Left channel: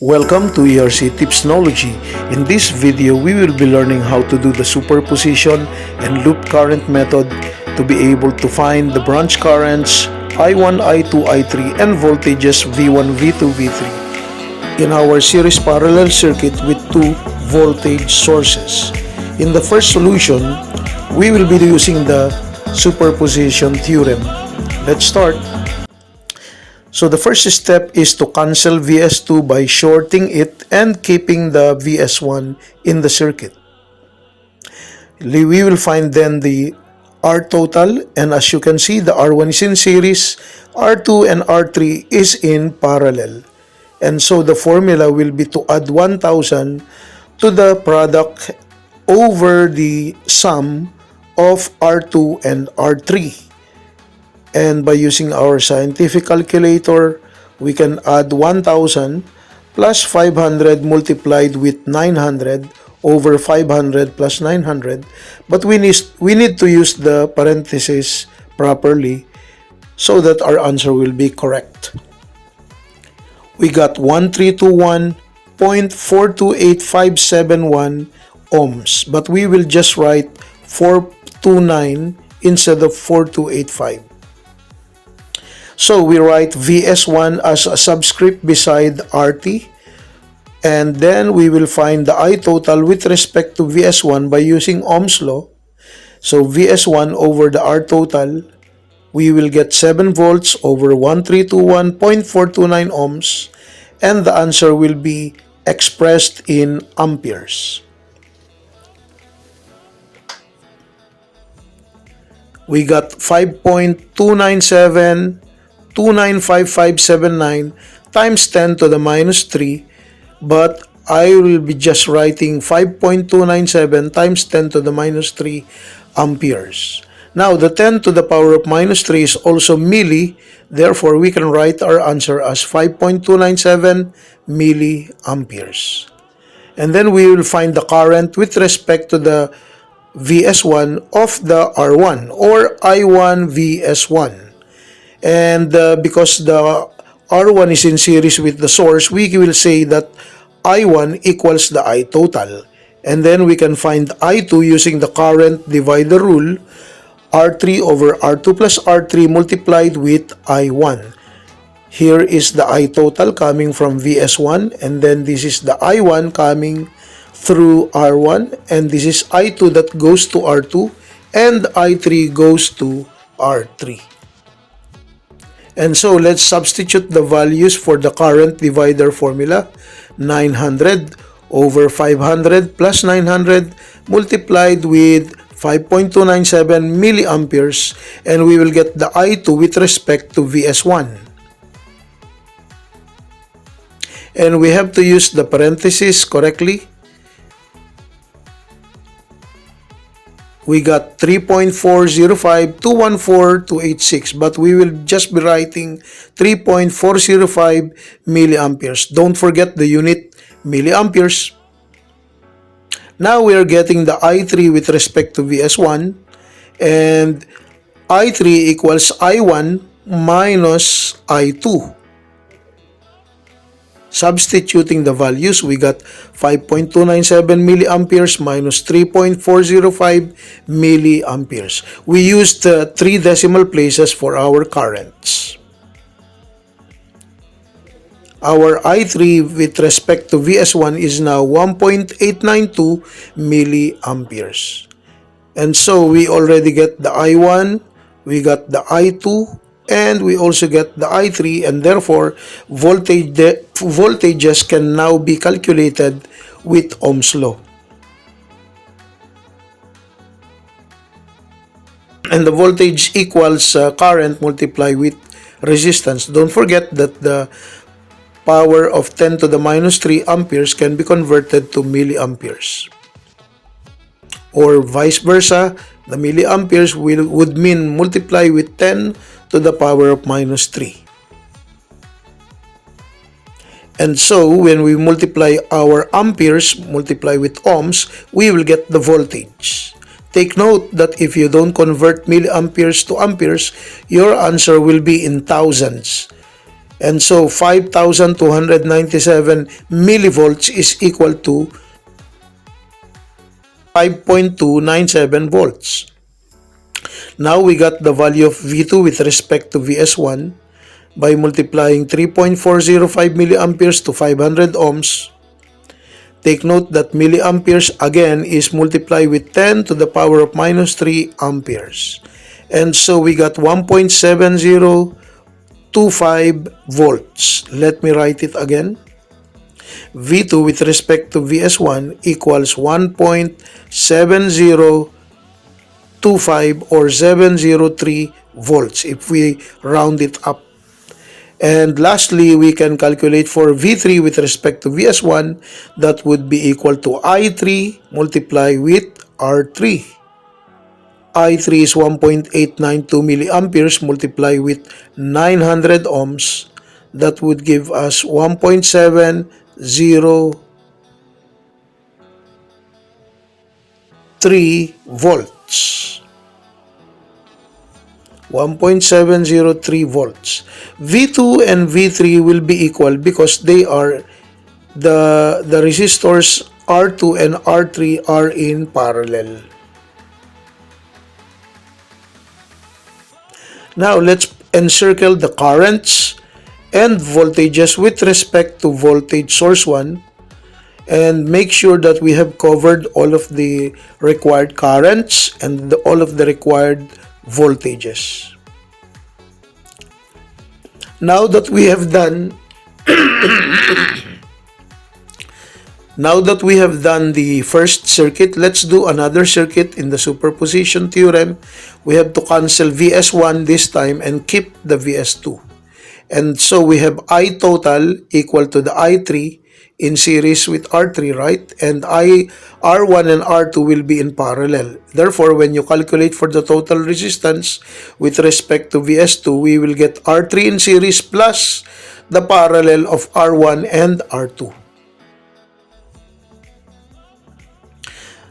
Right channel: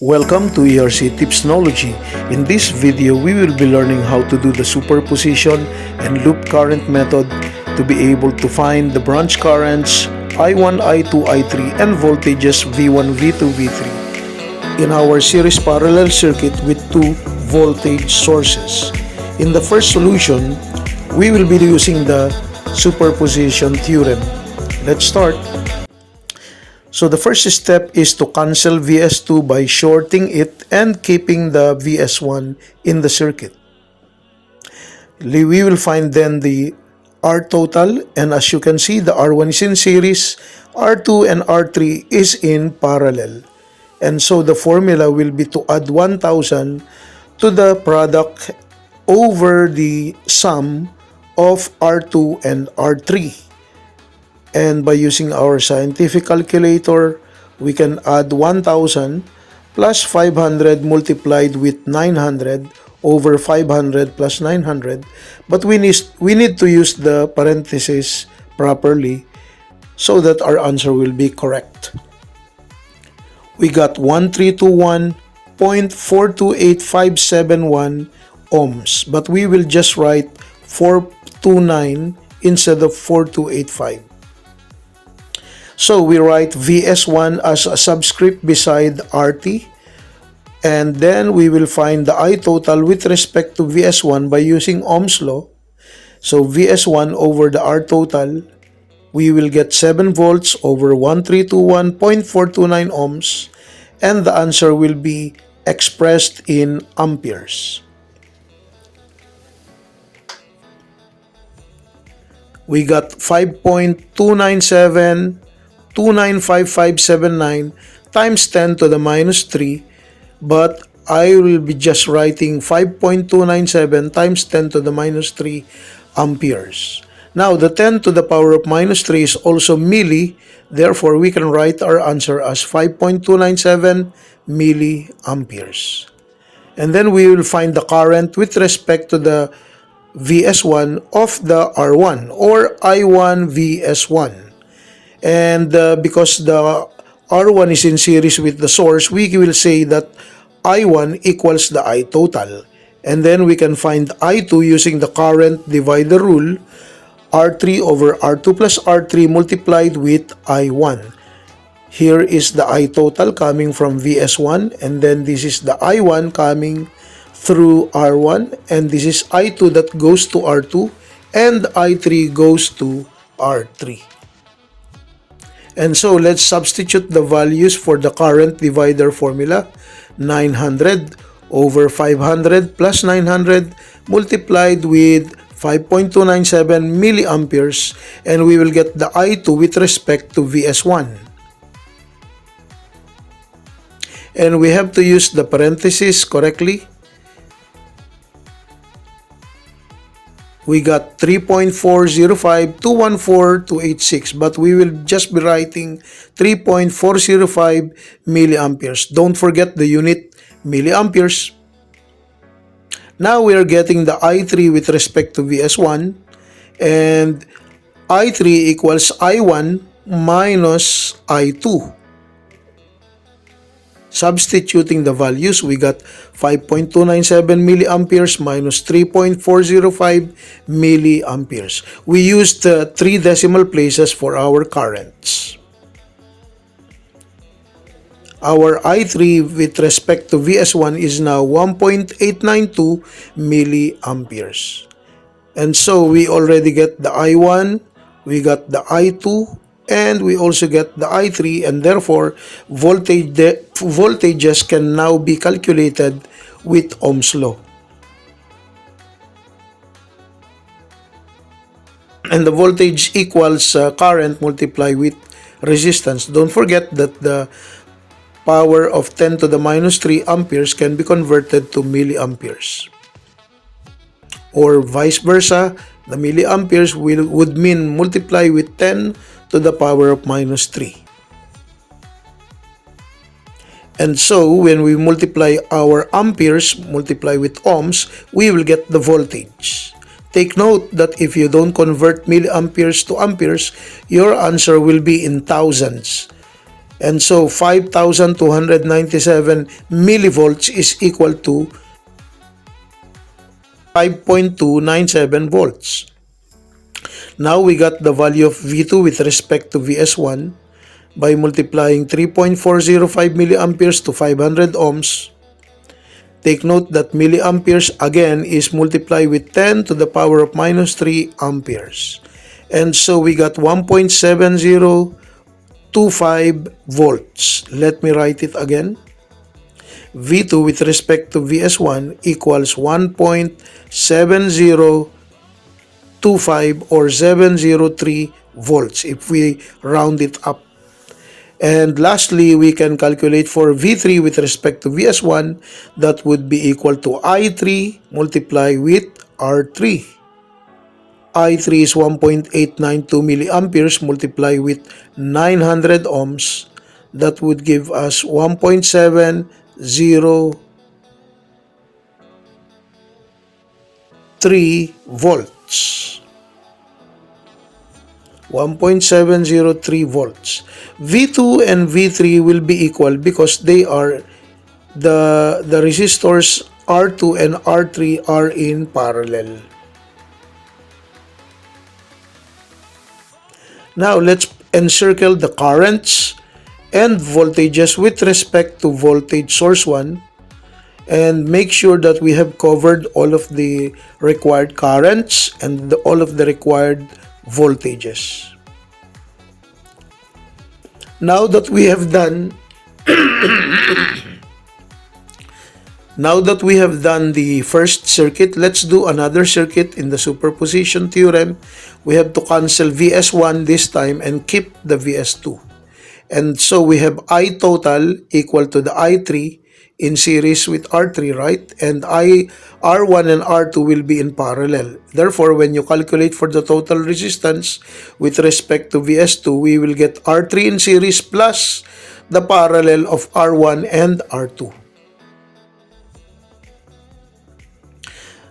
Welcome to ERC Tipsnology. In this video, we will be learning how to do the superposition and loop current method to be able to find the branch currents I1, I2, I3 and voltages V1, V2, V3 in our series parallel circuit with two voltage sources. In the first solution, we will be using the superposition theorem. Let's start. So the first step is to cancel Vs2 by shorting it and keeping the Vs1 in the circuit. We will find then the R total, and as you can see, the R1 is in series, R2 and R3 is in parallel. And so the formula will be to add 1,000 to the product over the sum of R2 and R3. And by using our scientific calculator, we can add 1,000 plus 500 multiplied with 900 over 500 plus 900. But we need to use the parentheses properly so that our answer will be correct. We got 1321.428571 ohms, but we will just write 429 instead of 4285. So we write Vs1 as a subscript beside RT, and then we will find the I total with respect to Vs1 by using Ohm's law. So Vs1 over the R total, we will get 7 volts over 1321.429 ohms, and the answer will be expressed in amperes. We got 5.297295579 times 10 to the minus 3, but I will be just writing 5.297 times 10 to the minus 3 amperes. Now the 10 to the power of minus 3 is also milli, therefore we can write our answer as 5.297 milliamperes. And then we will find the current with respect to the Vs1 of the R1 or I1 Vs1. And because the R1 is in series with the source, we will say that I1 equals the I total. And then we can find I2 using the current divider rule, R3 over R2 plus R3 multiplied with I1. Here is the I total coming from Vs1, and then this is the I1 coming through R1, and this is I2 that goes to R2, and I3 goes to R3. And so let's substitute the values for the current divider formula. 900 over 500 plus 900 multiplied with 5.297 milliamperes, and we will get the I2 with respect to Vs1. And we have to use the parentheses correctly. We got 3.405,214,286, but we will just be writing 3.405 milliamperes. Don't forget the unit milliamperes. Now we are getting the I3 with respect to Vs1, and I3 equals I1 minus I2. Substituting the values, we got 5.297 milliamperes minus 3.405 milliamperes. We used 3 decimal places for our currents. Our I3 with respect to Vs1 is now 1.892 milliamperes. And so we already get the I1, we got the I2, and we also get the I3, and therefore voltages can now be calculated with Ohm's law. And the voltage equals current multiplied with resistance. Don't forget that the power of 10 to the minus 3 amperes can be converted to milliamperes. Or vice versa, the milliamperes would mean multiply with 10 to the power of minus 3. And so when we multiply our amperes, multiply with ohms, we will get the voltage. Take note that if you don't convert milliamperes to amperes, your answer will be in thousands. And so 5,297 millivolts is equal to 5.297 volts. Now we got the value of V2 with respect to VS1 by multiplying 3.405 milliamperes to 500 ohms. Take note that milliamperes again is multiplied with 10 to the power of minus 3 amperes. And so we got 1.7025 volts. Let me write it again. V2 with respect to VS1 equals 1.7025 or 703 volts if we round it up. And lastly, we can calculate for V3 with respect to VS1. That would be equal to I3 multiplied with R3. I3 is 1.892 milliamperes multiplied with 900 ohms. That would give us 1.703 volts. 1.703 volts. V2 and V3 will be equal because they are the resistors R2 and R3 are in parallel. Now let's encircle the currents and voltages with respect to voltage source 1 and make sure that we have covered all of the required currents and all of the required voltages. Now that we have done the first circuit, let's do another circuit in the superposition theorem. We have to cancel VS1 this time and keep the VS2. And so we have I total equal to the I3 in series with R3, right? And R1 and R2 will be in parallel. Therefore, when you calculate for the total resistance with respect to VS2, we will get R3 in series plus the parallel of R1 and R2.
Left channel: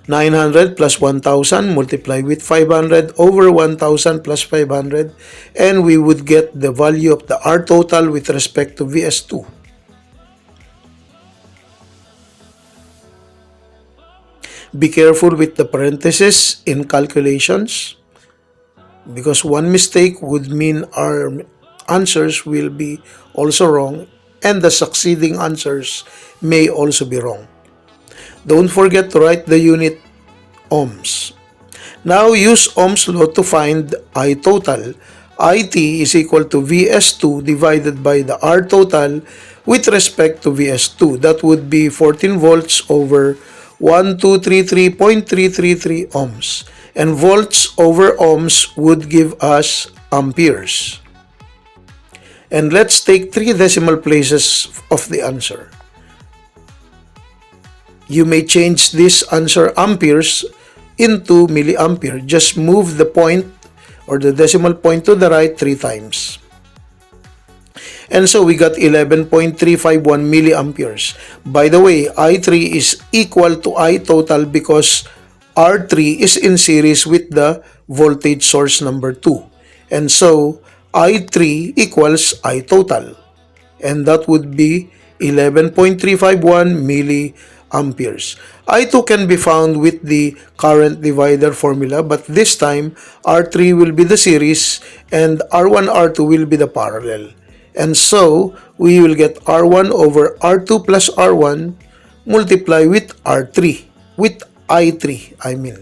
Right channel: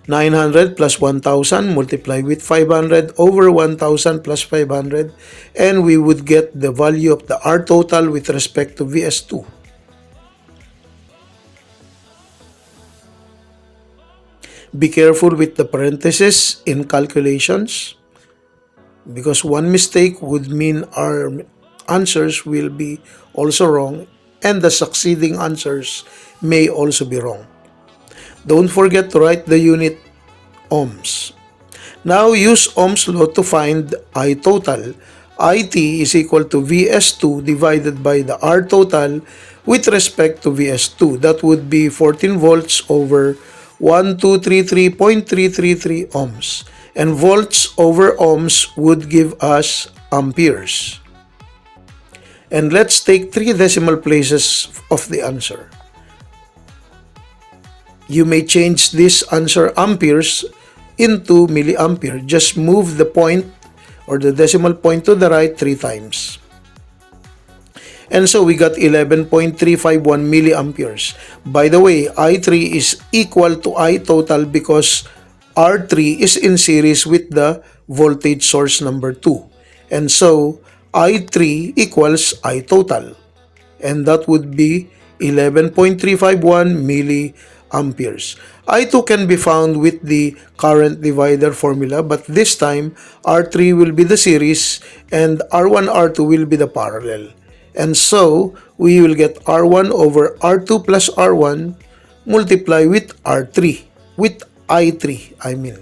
900 plus 1,000 multiplied with 500 over 1,000 plus 500, and we would get the value of the R total with respect to VS2. Be careful with the parentheses in calculations because one mistake would mean our answers will be also wrong and the succeeding answers may also be wrong. Don't forget to write the unit ohms. Now use Ohm's law to find I total. IT is equal to VS2 divided by the R total with respect to VS2. That would be 14 volts over 1233.333 ohms. And volts over ohms would give us amperes. And let's take 3 decimal places of the answer. You may change this answer amperes into milliampere. Just move the point or the decimal point to the right 3 times. And so we got 11.351 milliamperes. By the way, I3 is equal to I total because R3 is in series with the voltage source number 2. And so I3 equals I total. And that would be 11.351 milliamperes. I2 can be found with the current divider formula, but this time R3 will be the series and R1, R2 will be the parallel. And so we will get R1 over R2 plus R1 multiply with R3, with I3 I mean.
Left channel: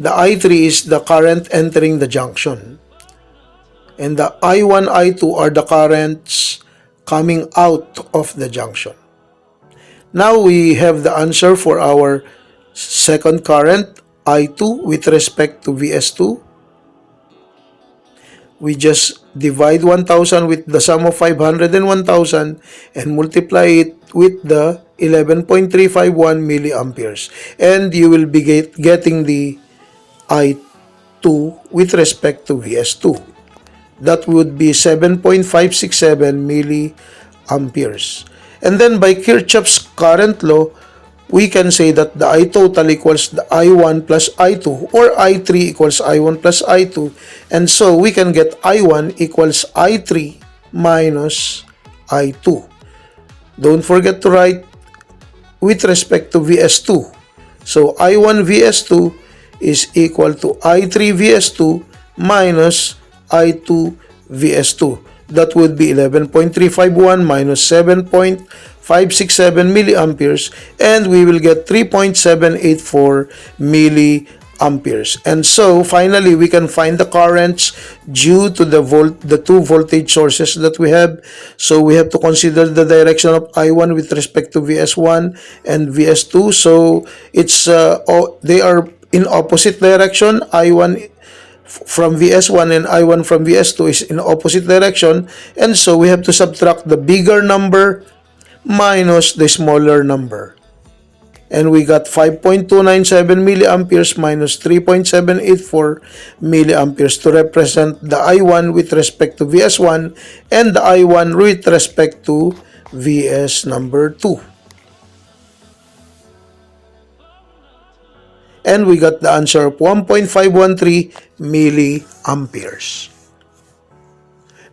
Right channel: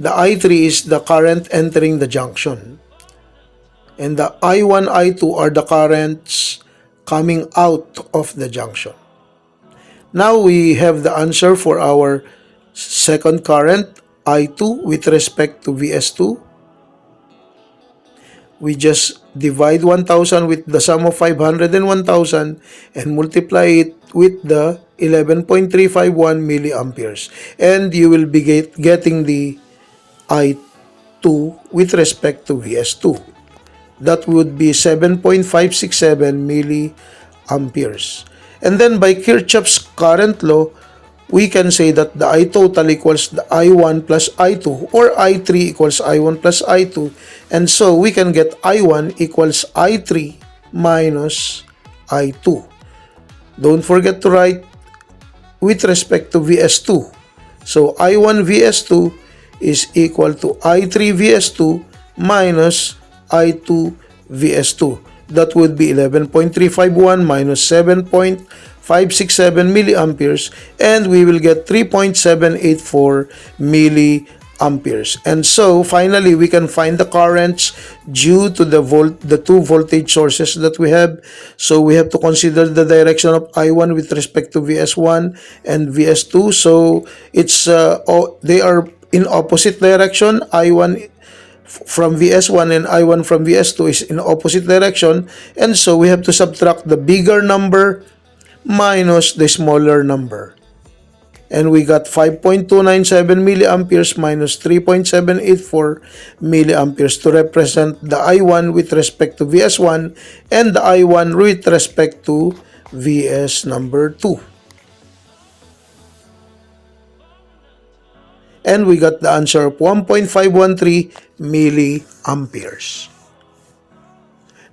The I3 is the current entering the junction. And the I1, I2 are the currents coming out of the junction. Now we have the answer for our second current, I2, with respect to VS2. We just divide 1,000 with the sum of 500 and 1,000 and multiply it with the 11.351 milliamperes. And you will be getting the I2 with respect to VS2. That would be 7.567 milliamperes. And then by Kirchhoff's current law, we can say that the I total equals the I1 plus I2 or I3 equals I1 plus I2. And so we can get I1 equals I3 minus I2. Don't forget to write with respect to Vs2. So I1 Vs2 is equal to I3 Vs2 minus I2 Vs2. That would be 11.351 minus 7.567 milliamperes, and we will get 3.784 milliamperes. And so finally we can find the currents due to the two voltage sources that we have. So we have to consider the direction of I1 with respect to Vs1 and Vs2. So it's they are in opposite direction. I1 from Vs1 and I1 from Vs2 is in opposite direction, and so we have to subtract the bigger number minus the smaller number. And we got 5.297 milliamperes minus 3.784 milliamperes to represent the I1 with respect to Vs1 and the I1 with respect to Vs number 2. And we got the answer of 1.513 milliamperes.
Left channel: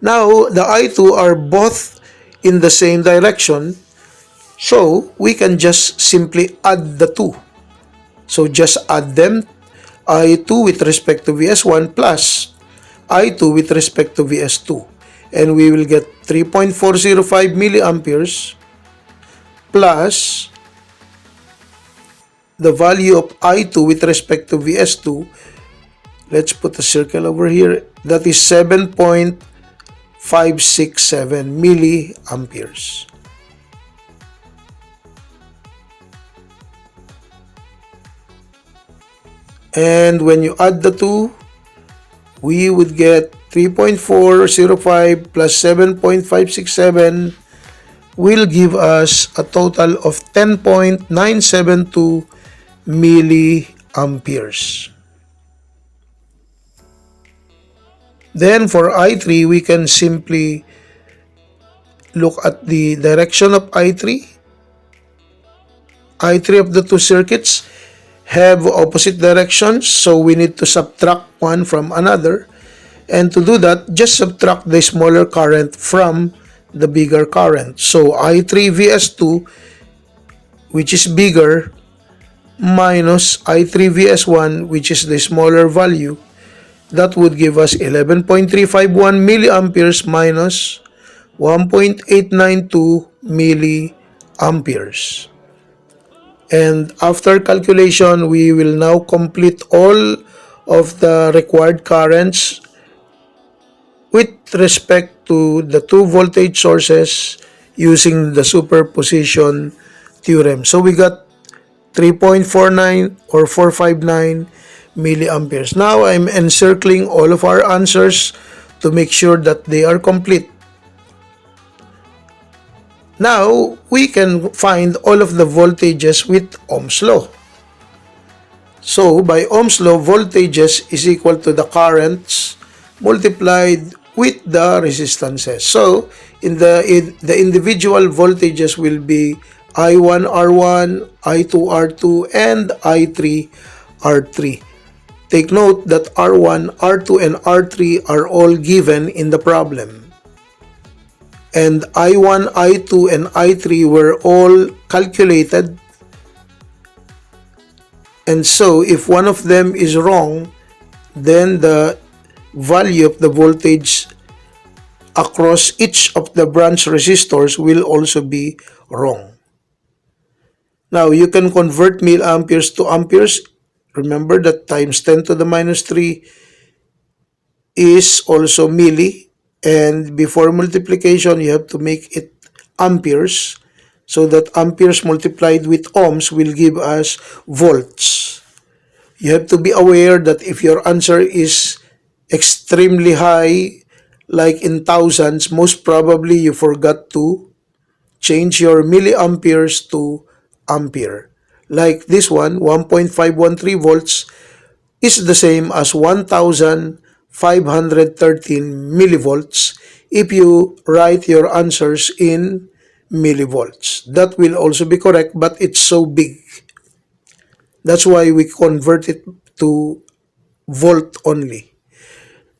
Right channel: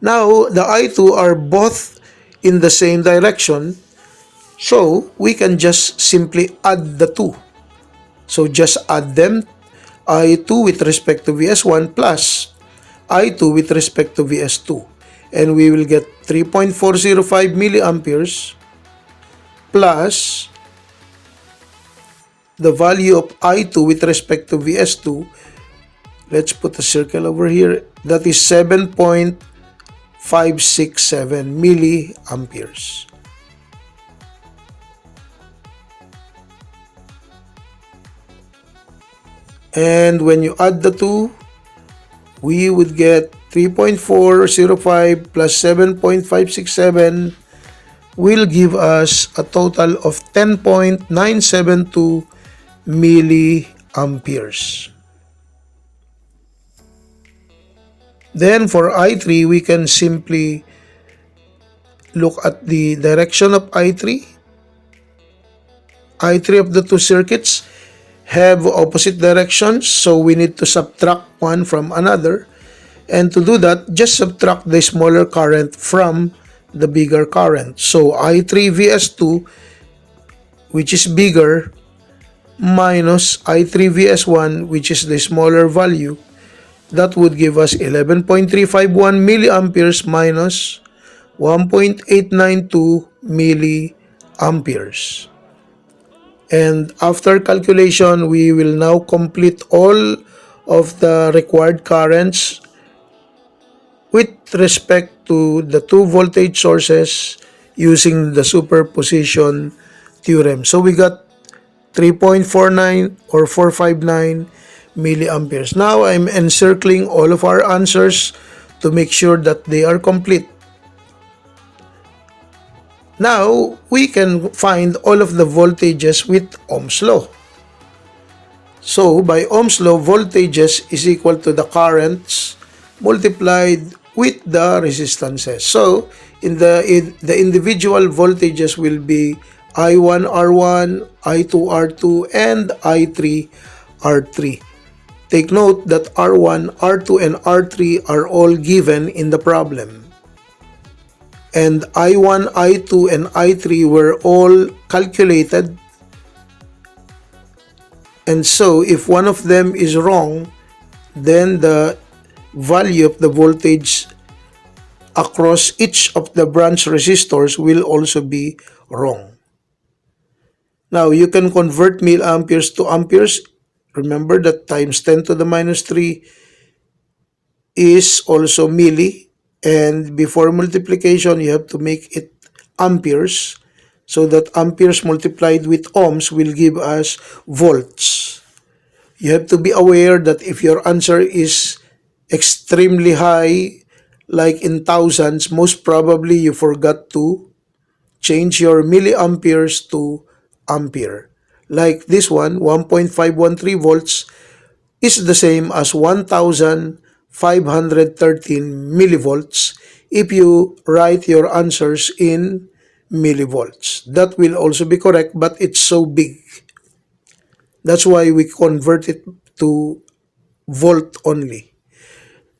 Now, the I2 are both in the same direction, so we can just simply add the two. So just add them, I2 with respect to Vs1 plus I2 with respect to Vs2. And we will get 3.405 milliamperes plus the value of I2 with respect to Vs2. Let's put a circle over here. That is 7.567 milliamperes. And when you add the two, we would get 3.405 plus 7.567 will give us a total of 10.972 milliamperes. Then for I3, we can simply look at the direction of I3. I3 of the two circuits have opposite directions, so we need to subtract one from another. And to do that, just subtract the smaller current from the bigger current. So I3 Vs2, which is bigger, minus I3 Vs1, which is the smaller value, that would give us 11.351 milliamperes minus 1.892 milliamperes. And after calculation, we will now complete all of the required currents with respect to the two voltage sources using the superposition theorem. So we got 3.49 or 459 milliamperes. Now I'm encircling all of our answers to make sure that they are complete. Now we can find all of the voltages with Ohm's law. So by Ohm's law, voltages is equal to the currents multiplied with the resistances. So in the individual voltages will be I1 R1, I2 R2, and I3 R3. Take note that R1, R2, and R3 are all given in the problem. And I1, I2, and I3 were all calculated. And so if one of them is wrong, then the value of the voltage across each of the branch resistors will also be wrong. Now you can convert milliamperes to amperes. Remember that times 10 to the minus 3 is also milli. And before multiplication, you have to make it amperes, so that amperes multiplied with ohms will give us volts. You have to be aware that if your answer is extremely high, like in thousands, most probably you forgot to change your milliamperes to ampere. Like this one, 1.513 volts is the same as 1,513 millivolts if you write your answers in millivolts. That will also be correct, but it's so big. That's why we convert it to volt only.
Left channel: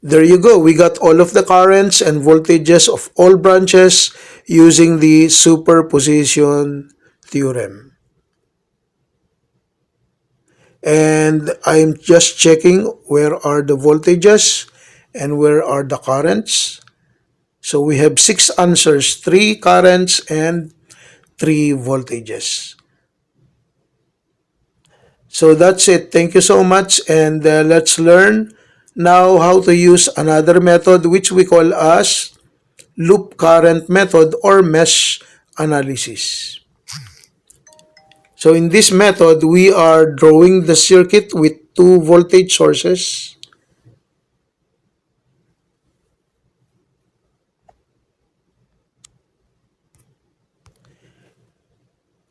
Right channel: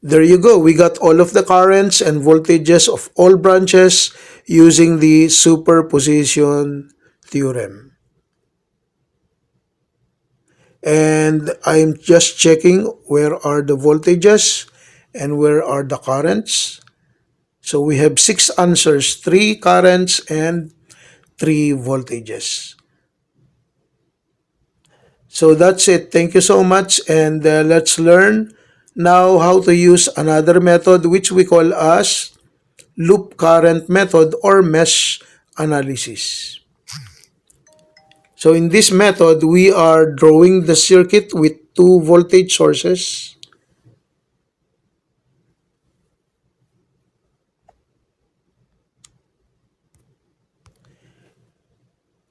There you go. We got all of the currents and voltages of all branches using the superposition theorem. And I'm just checking where are the voltages and where are the currents. So we have 6 answers, 3 currents and 3 voltages. So that's it. Thank you so much, and let's learn now how to use another method which we call as loop current method or mesh analysis. So in this method, we are drawing the circuit with 2 voltage sources.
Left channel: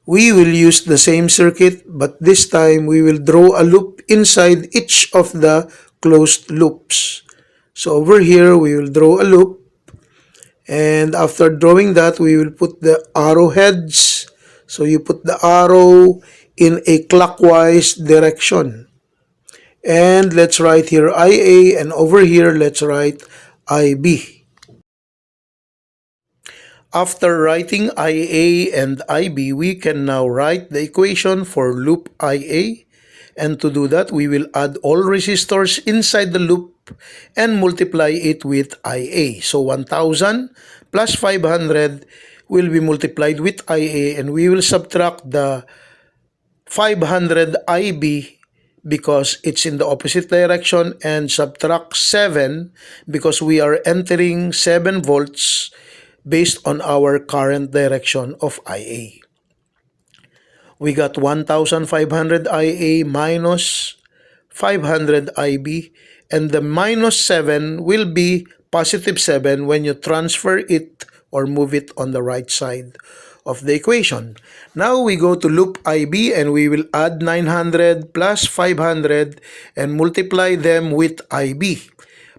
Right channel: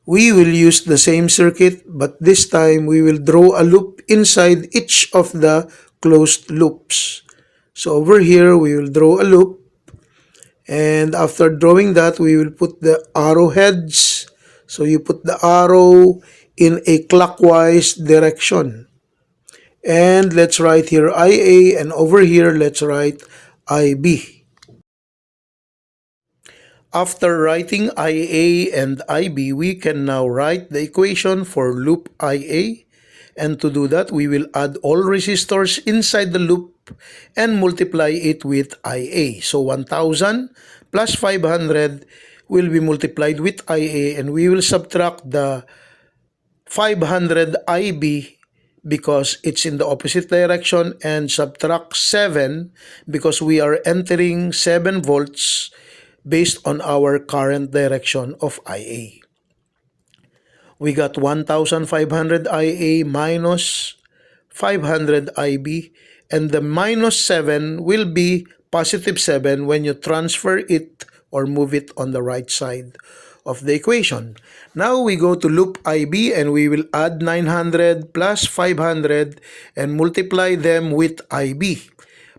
We will use the same circuit, but this time we will draw a loop inside each of the closed loops. So over here, we will draw a loop, and after drawing that, we will put the arrowheads. So you put the arrow in a clockwise direction. And let's write here IA, and over here, let's write IB. After writing IA and IB, we can now write the equation for loop IA. And to do that, we will add all resistors inside the loop and multiply it with IA. So 1000 plus 500 will be multiplied with IA, and we will subtract the 500 IB because it's in the opposite direction, and subtract 7 because we are entering 7 volts based on our current direction of IA. We got 1,500 IA minus 500 IB, and the minus 7 will be positive 7 when you transfer it or move it on the right side of the equation. Now we go to loop IB, and we will add 900 plus 500 and multiply them with IB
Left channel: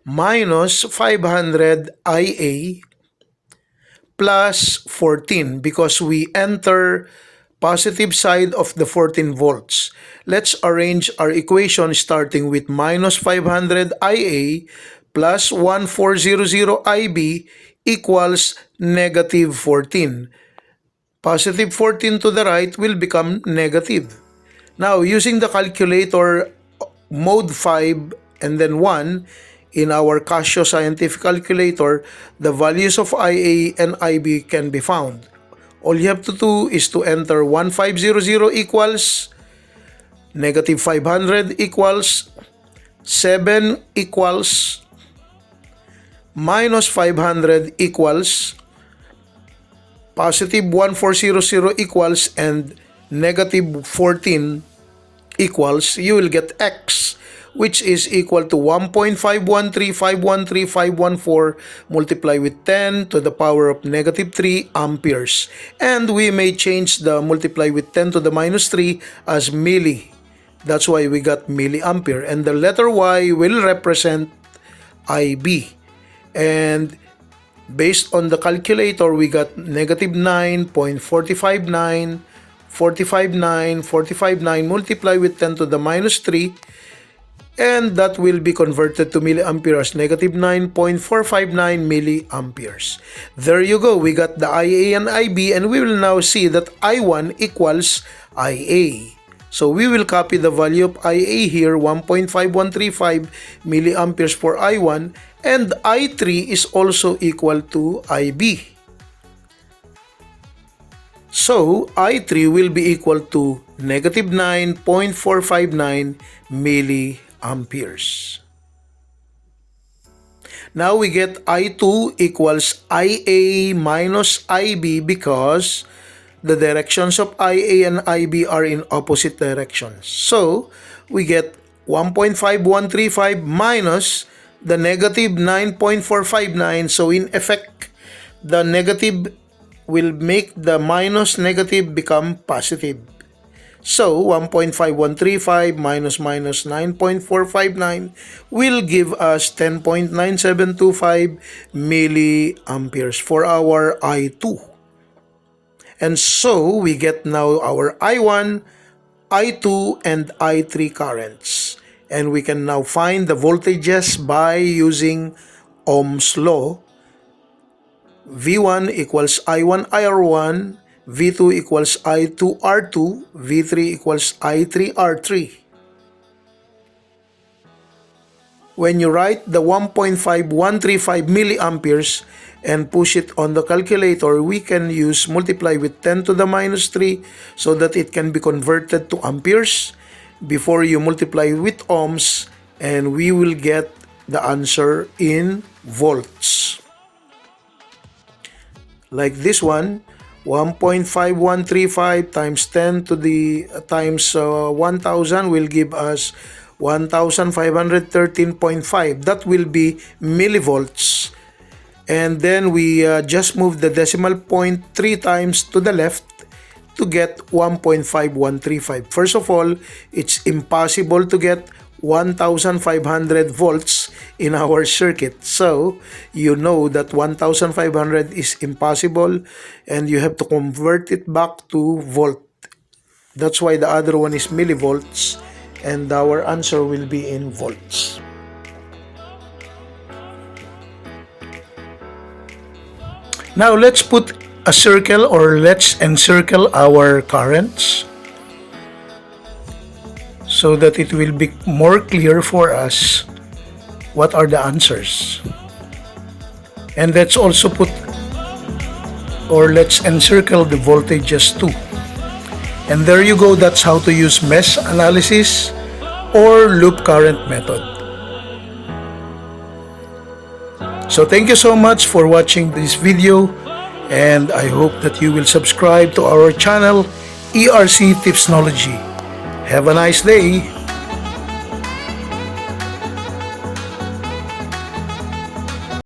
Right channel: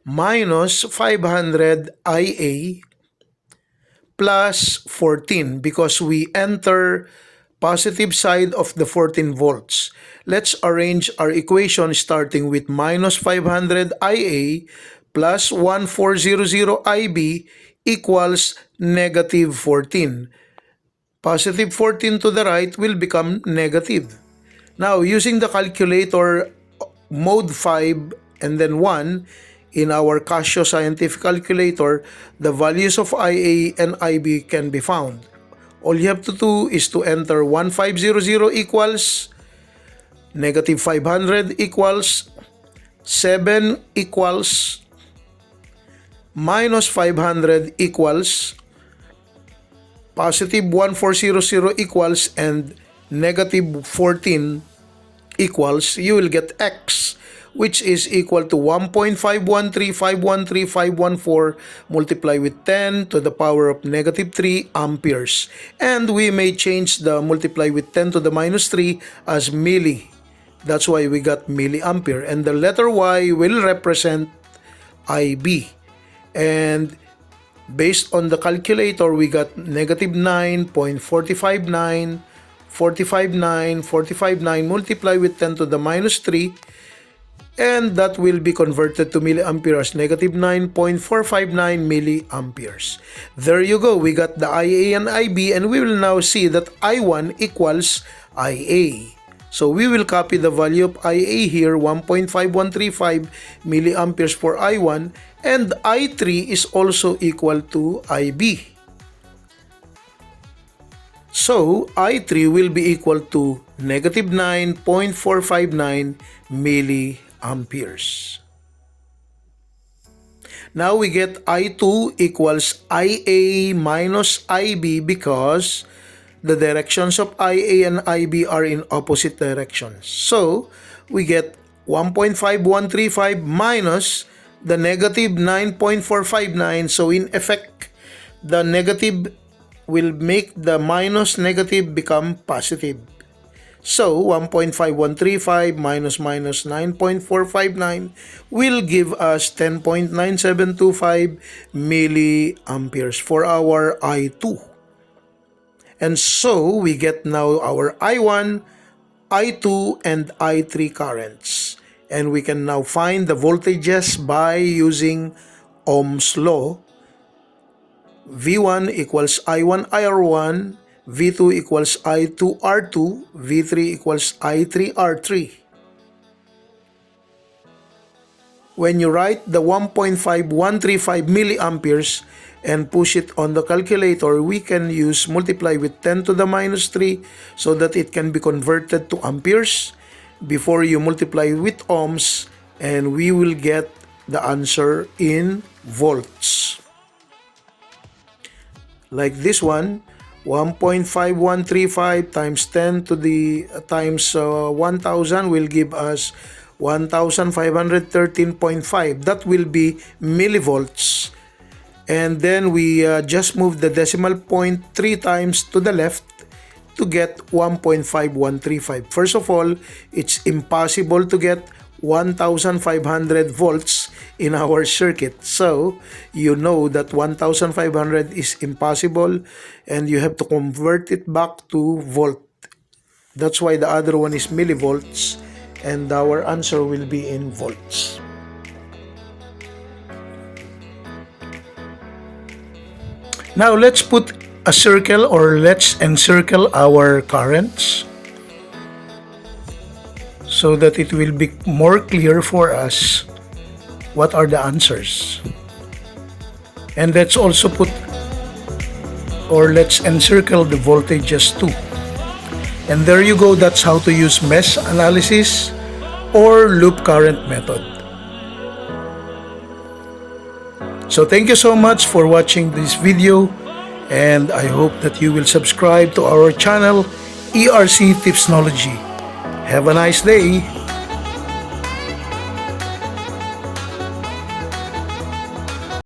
minus 500 IA plus 14 because we enter positive side of the 14 volts. Let's arrange our equation starting with minus 500 IA plus 1400 IB equals negative 14. Positive 14 to the right will become negative. Now, using the calculator mode 5 and then 1, in our Casio scientific calculator, the values of IA and IB can be found. All you have to do is to enter 1500 equals negative 500 equals 7 equals minus 500 equals positive 1400 equals and negative 14 equals, you will get X, which is equal to 1.513513,514 multiplied with 10 to the power of negative 3 amperes. And we may change the multiply with 10 to the minus 3 as milli. That's why we got milliampere. And the letter Y will represent IB. And based on the calculator, we got negative 9.459, 459 multiplied with 10 to the minus 3, and that will be converted to milliampere as negative 9.459 milliamperes. There you go. We got the IA and IB, and we will now see that I1 equals IA. So we will copy the value of IA here, 1.5135 milliamperes for I1, and I3 is also equal to IB. So I3 will be equal to negative 9.459 milliamperes. Now we get I2 equals IA minus IB because the directions of IA and IB are in opposite directions. So we get 1.5135 minus the negative 9.459. So in effect, the negative will make the minus negative become positive. So 1.5135 minus 9.459 will give us 10.9725 milliamperes for our I2. And so we get now our I1, I2, and I3 currents. and we can now find the voltages by using Ohm's law. V1 equals I1 IR1, V2 equals I2 R2, V3 equals I3 R3. When you write the 1.5135 milliamperes and push it on the calculator, we can use multiply with 10 to the minus 3 so that it can be converted to amperes before you multiply with ohms, and we will get the answer in volts. Like this one, 1.5135 times 10 to the times 1000 will give us 1513.5. That will be millivolts. And then we just move the decimal point 3 times to the left to get 1.5135. First of all, it's impossible to get 1500 volts in our circuit. So, you know that 1500 is impossible and you have to convert it back to volt. That's why the other one is millivolts and our answer will be in volts. Now let's put a circle, or let's encircle our currents so that it will be more clear for us what are the answers. And let's also put, or let's encircle the voltages too. And there you go, that's how to use mesh analysis or loop current method. So thank you so much for watching this video, and I hope that you will subscribe to our channel, ERC Tipsnology. Have a nice day.